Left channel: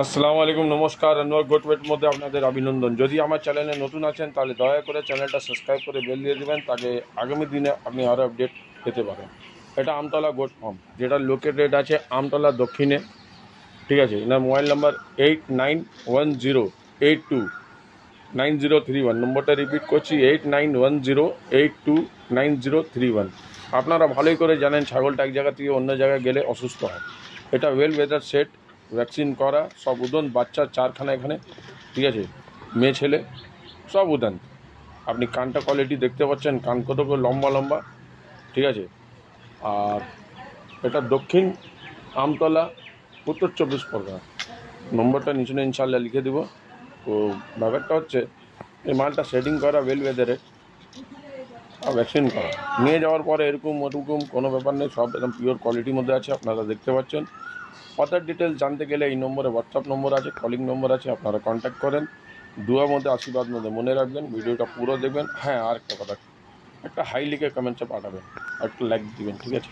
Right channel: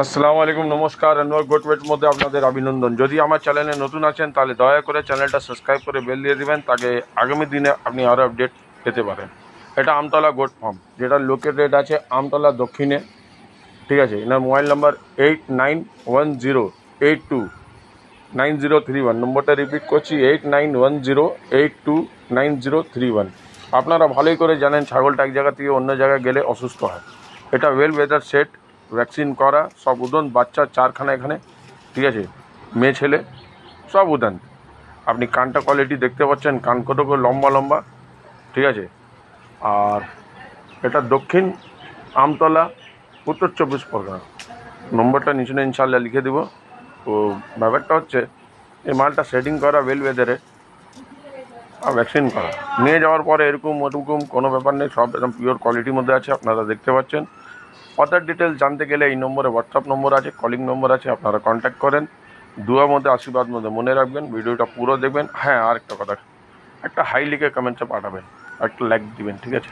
আসসালামু আলাইকুম, নমস্কার। অ্যানুয়াল গোটওয়েট মধ্যে আপনাদের অভিনন্দন। যদি আমার চ্যানেলে নতুন আছেন তাহলে দয়া করে চ্যানেলটা সাবস্ক্রাইব করে বেল দিয়ে দিবেন, তাকে আগামী দিনে আপনি আরও আপডেট পেতে পারেন। এটা আমতলা গোট ফার্ম, যেটা লোকের রেট আছে আমতলা দক্ষিণে। ঠিক আছে, এনার মোবাইল নাম্বার 8910829031। নম্বরটা রিপিট করছি, 8910829031। আপনারা ভালোই করে জানেন ছাগলটা এক জায়গা থেকে অন্য জায়গায় গেলে অসুস্থ হয়। এটা ওয়েল ওয়েদার সেট, ভ্যাকসিন করা, সব উদন, বাচ্চা চারখানা এখানে। ঠিক আছে, মেয়ে ছেলে সব উদান। আপনি কানটা কোয়ালিটি দেখতে পাচ্ছেন, কান কত করে লম্বা লম্বা। ঠিক আছে, আর এটা দক্ষিণ আমতলা, উত্তর 24 পরগনা। নম্বরটা নিচে ইনশাল্লাহ লিখে দেবো। তো ব্যাপারটা হচ্ছে এই মালটা সেটিং করা, ওয়েল ওয়েদারে, আর ভ্যাকসিন করা। নিয়ে যাওয়ার পরে এরকম ওরকম কোনো ব্যাপার নেই, সব একদম পিওর কোয়ালিটির মধ্যে আছে, আপনারা দেখতে পাচ্ছেন। অদার ডিটেলস জানতে গেলে এই নম্বরে হোয়াটসঅ্যাপ নম্বর আছে, কলিং নম্বর আছে, আপনারা কন্ট্যাক্ট করেন। দুয়ার মধ্যে আশীর্বাদ মধ্যে মনে রাখবেন, ভিডিওটা পুরো দেখবেন। হ্যাঁ, আর একটা কথা, একটা হাই লিখে কমেন্টসে পাঠাবেন, একটা লাইক দিবেন। ঠিক আছে।